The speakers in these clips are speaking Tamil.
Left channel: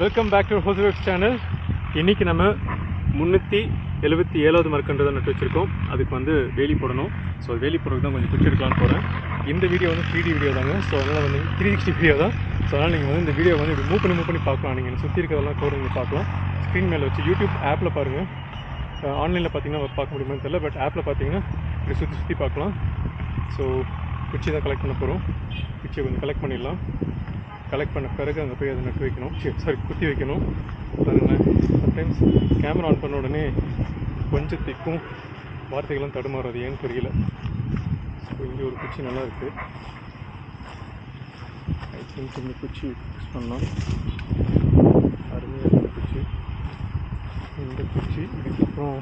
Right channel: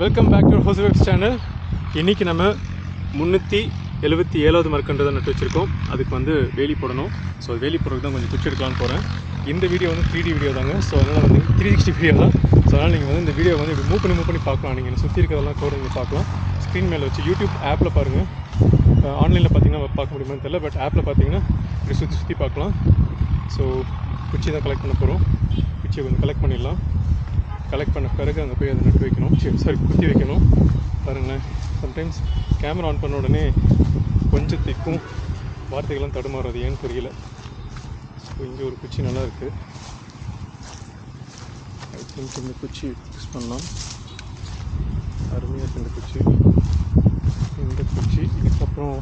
வெல்கம் பேக் டு ஹோசவேக்ஸ் சேனல். இன்றைக்கி நம்ம 377வது மரக்கன்று தான் நட்டு வச்சுருக்கோம். அதுக்கு வந்து வேலி போடணும். ஸோ வேலி போடுறதுக்கு தான் கொஞ்சம் பிக்சர் எடுக்கலான்னு போகிறேன். இந்த வீடியோ வந்து 3D வீடியோ தாங்க. ஸோ அதனால் வந்து 360 வீடியோ தான். ஸோ அதனால் நீங்கள் வந்து இந்த வீடியோ வந்து இப்படி மூவ் பண்ணி பார்க்கலாம். நீங்கள் சுற்றி இருக்கிறதெல்லாம் கூட நீங்கள் பார்க்கலாம். ஸ்க்ரீன் மேலே வச்சு யூடியூப் ஆப்பில் பாருங்கள். ஆன்லைனில் பார்த்தீங்கன்னா பார்க்க முடியுமான்னு தெரியல, பட் ஆப்பில் பார்த்தீங்கன்னா இப்படி சுற்றி பார்க்கலாம். ஸோ குச்சி தான் கலெக்ட் பண்ண போகிறோம். குச்சியை கொஞ்சம் கலெக்ட் பண்ணிடலாம். கலெக்ட் பண்ண பிறகு அங்கே போய் அதை நட்டு வைக்கணும், குத்தி வைக்கணும். பாருங்களேன், சம்டைம்ஸ் கேமரா ஆன் பண்ண உடனே கொஞ்சம் திக்கும், வார்த்தைகள்லாம் தடுமாறுறது ஏன்னு தெரியல. ஸோ இங்கே ஒரு குச்சி நல்லா இருக்குது. ஐ திங்க் இந்த குச்சி யூஸ் பண்ணலாம். அருமையாக இருக்குது இந்த குச்சி. இந்த குச்சி இதுக்கப்புறம்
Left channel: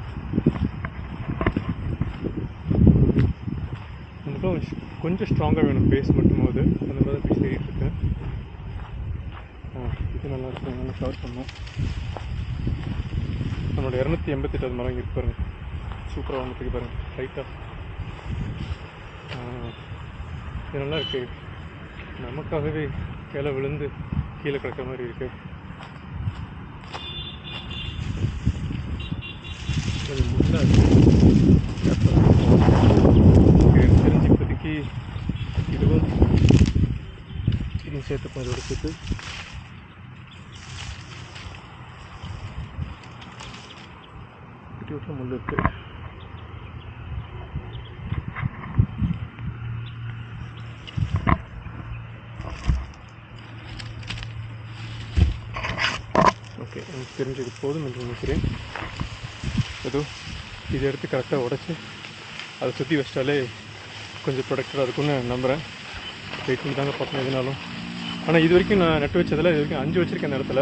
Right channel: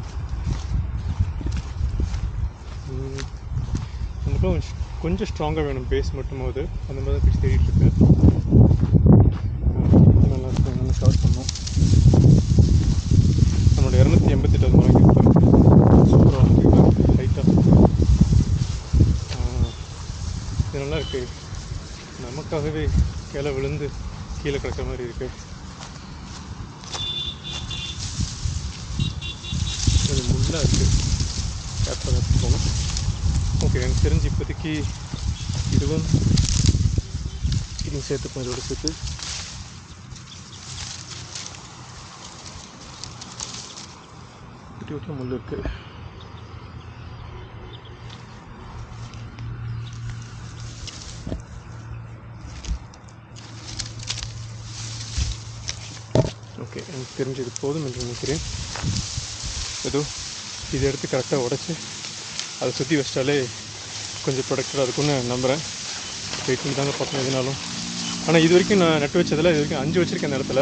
கொஞ்சம் ஸ்ட்ராங்காக வேணும், பேஸ் மட்டும்போது அந்த மாதிரி தான் தேடிட்டு இருக்கேன். நல்லா இருக்கும், நல்லா ஷார்ட் பண்ணோம். நம்மளோட 288 மரம் இருப்பார். சூப்பராக வந்துருக்காரு லைட்டாக. இது நல்லா இருக்குது. நமக்காகவே கீழே விழுந்து கீழே கிடக்கிற மாதிரி இருக்குது. கொஞ்சம் முள்ளாக இருக்குது. ஓகே, எனக்கு தெரிஞ்சு இப்போதைக்கு இதுவும் சேர்த்துப்போம். இதோட சேர்த்து குட்டி முள் இருக்குது. ஓகே, எனக்கு தெரிஞ்சது போதும் என்று நினைக்கிறேன். ஏதோ இதை எடுத்து கரெக்டாக உடச்சி அதை சுற்றி வச்சிட்டாலே கொஞ்சம் ப்ரொடக்டாக இருக்கும்னு நம்புகிறேன். வெயிட் பண்ணி தாங்க பார்க்கணும் எதுனாலும். ஆனால் இது வரைக்கும் நான் நட்டு வச்சதில் இது வரைக்கும் 5 வச்சுருக்கேன். அந்த இடத்துல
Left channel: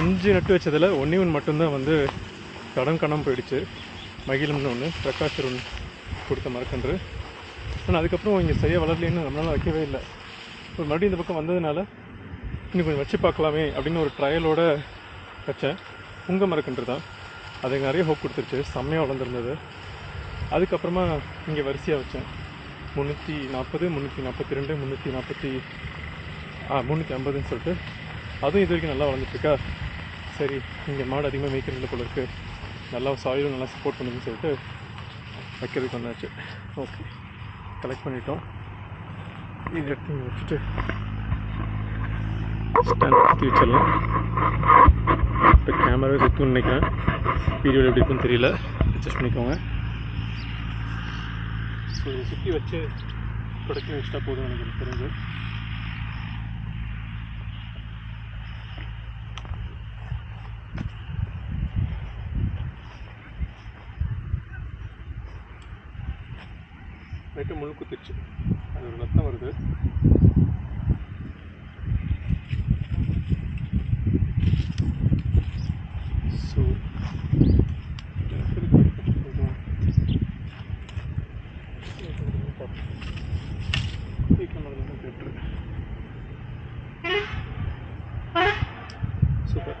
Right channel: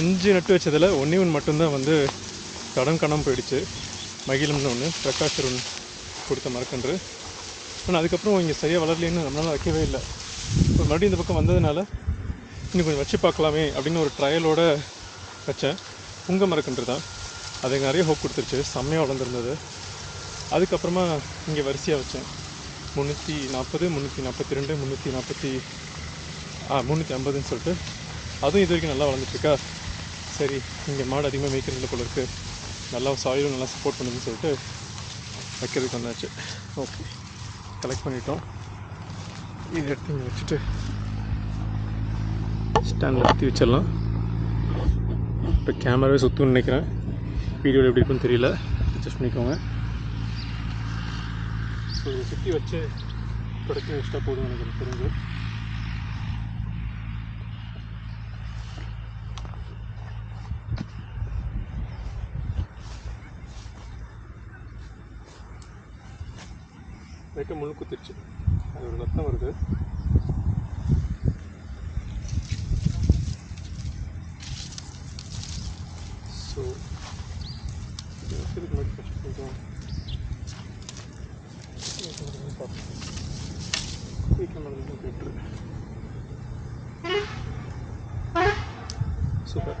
5 நட்டு வச்சதில் ஒன்று மட்டும்தான் வந்து காணாமல் போயிடுச்சு. மகிழம்னு ஒன்று, பிரகாஷர் ஒன்று கொடுத்த மரக்கன்று. ஆனால் அதுக்கப்புறம் இங்கே சரியாக வளரலேன்னு நம்மளால் வைக்கவே இல்லை. இப்போ மறுபடியும் இந்த பக்கம் வந்ததுனால இன்னும் கொஞ்சம் வச்சு பார்க்கலாமே அப்படின்னு ஒரு ட்ரையலோடு வச்சேன். உங்கள் மரக்கன்று தான். அது நிறைய ஹோப் கொடுத்துருச்சு, செம்மையாக வளர்ந்துருந்தது. அதுக்கப்புறமா இங்கே வரிசையாக வச்சேன். 340, 342, 350ன்னு சொல்லிட்டு அதுவும் இது வரைக்கும் நல்லா வளர்ந்துட்டுருக்கா. சரி, இங்கே மாடு அதிகமாக மேய்க்கிறது போல இருக்குது, நல்லா சாயிலும் நல்லா சப்போர்ட் பண்ணுதுன்னு சொல்லிட்டு வைக்கிறதுக்கு வந்தாச்சு. ஓகே, கலெக்ட் பண்ணிட்டோம். இதை எடுத்து இங்கே வச்சுட்டு ஸ்டாண்ட் சுற்றி வச்சிடலாம். இப்போ கேமராவே சுற்றுன்னு நினைக்கிறேன். வீடியோவில் எப்படி இருக்குன்னு தெரியல, அட்ஜஸ்ட் பண்ணிக்கோங்க. ஸோ இதை சுற்றி வச்சு ப்ரொடக்டிவ் வச்சுட்டா போதும் எனக்கு தெரிஞ்சு. லைட்டாக முழு குத்திடுச்சு, அது ஒரு ரத்தம் வருது. So super.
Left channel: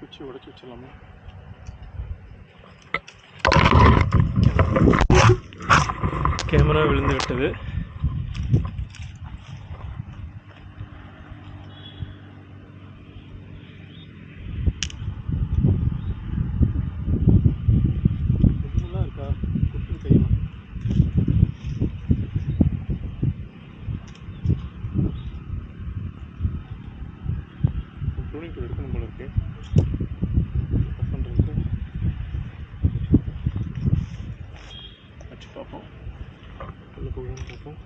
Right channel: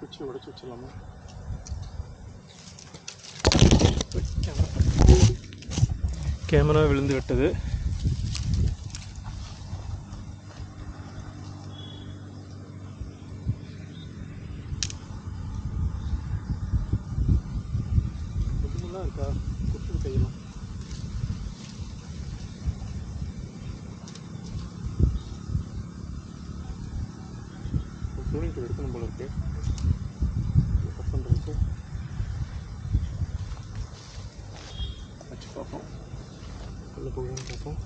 குச்சி உடச்சி வச்சிடலாமா? கேமரா விழுந்து விட்டது. நல்லா இருக்கா? குத்து கையெல்லாம் ப்ரூனிங் டூல் எடுக்கணும் போல இருக்கு. கட் பண்ணுறதுக்கு வச்சு பார்ப்போம், உள்ள போகணும்னு பார்ப்போம்.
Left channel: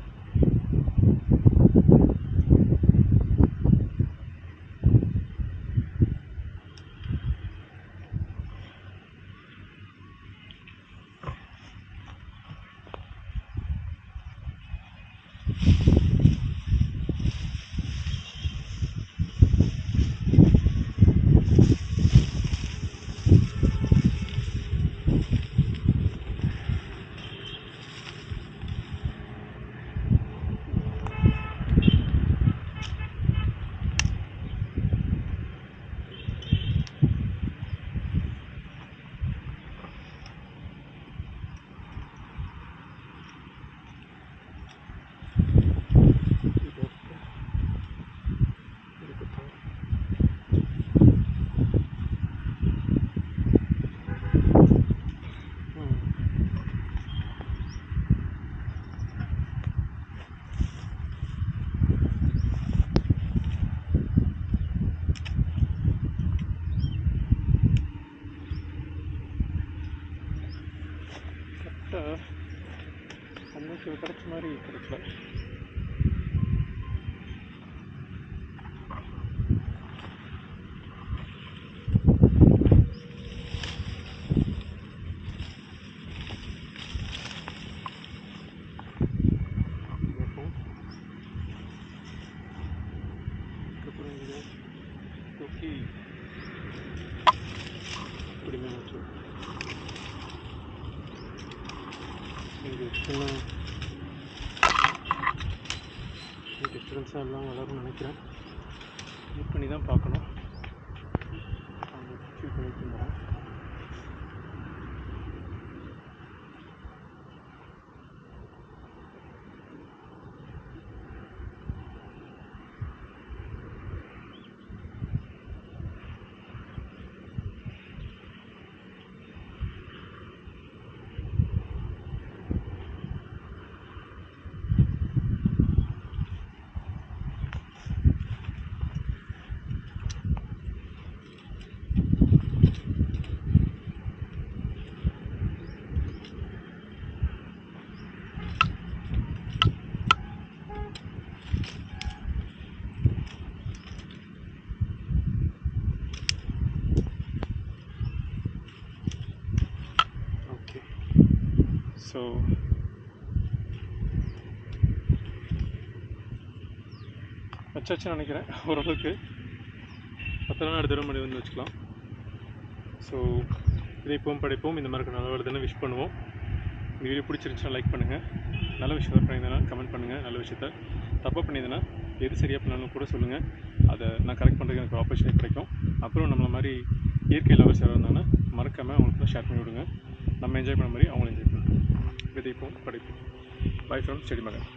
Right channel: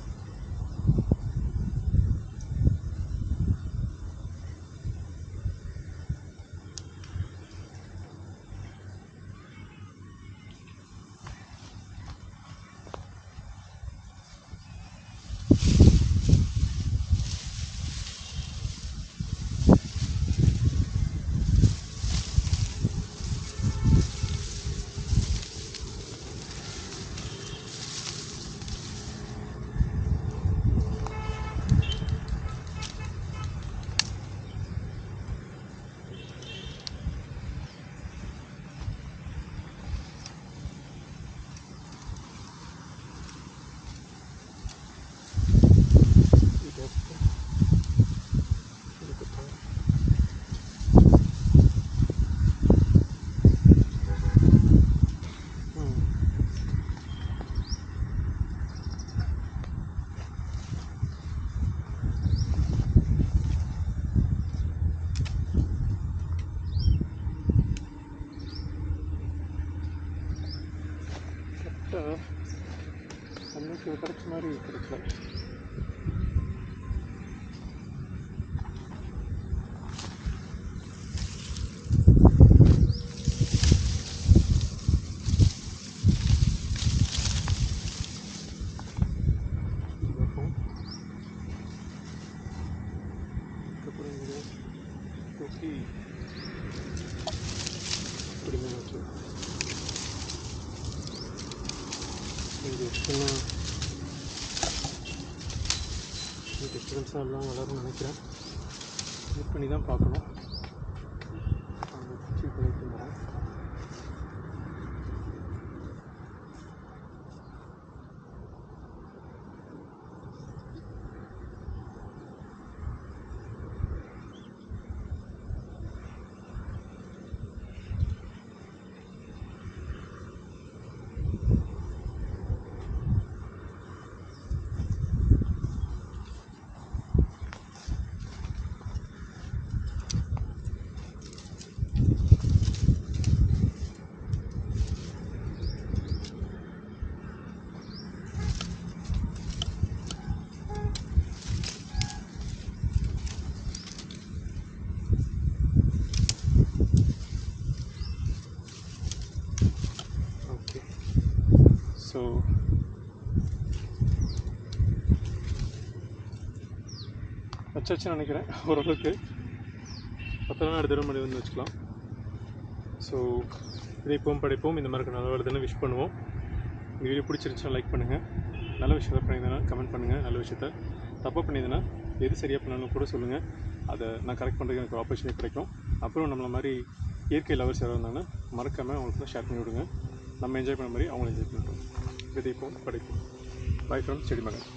பட் அன்னைக்கு கிடைச்ச மாதிரி கிடைக்கல. தூக்கி இப்படிமே வச்சு இங்கே சின்ன டிஸ்டர்பன்ஸாக எல்லாம் வளரும்னு நினைக்கிறேன். வெயிட் பண்ணி தான் பார்க்கணும். அவங்க ஃபீல் பண்ணிட்டு இருந்தேன். ஸோ வச்சாச்சுன்னு நினைக்கிறேன். ஓரளவுக்கு 10 நாள் அடுத்த மணி வந்து வச்சுக்கலாம். ஸோ விதைப்போம் படைப்போம், இந்த மாதிரி நல்ல வருதுன்னு விஷ் பண்ணுவோம். இந்த வீடியோ பிடிச்சிருந்துச்சுன்னா லைக் பண்ணுங்கள். நல்ல விஷயத்தை பண்ணியிருந்தேன்னா கமெண்ட் பண்ணுங்கள். நல்ல விஷயத்த தப்பாக பண்ணியிருந்தேன்னா எது சரியாக பண்ணணும்னு கூட சொல்லுங்கள். அதை நான் கரெக்ட் பண்ணுறதுக்கு எனக்கு ஆப்பர்ச்சுனிட்டி கிடைக்கும். அப்புறம் நம்மள மாதிரி இயற்கை லவர்ஸ் யாராவது இருந்தாங்கன்னா மறக்காமல் அவங்களுக்கு ஷேர் பண்ணி விடுங்க. நம்ம என்ஜாய் பண்ண மாதிரி அவங்களும் என்ஜாய் பண்ணுவோம். விதைப்போம் படைப்போம். பை ஃப்ரம் செடி மகன்.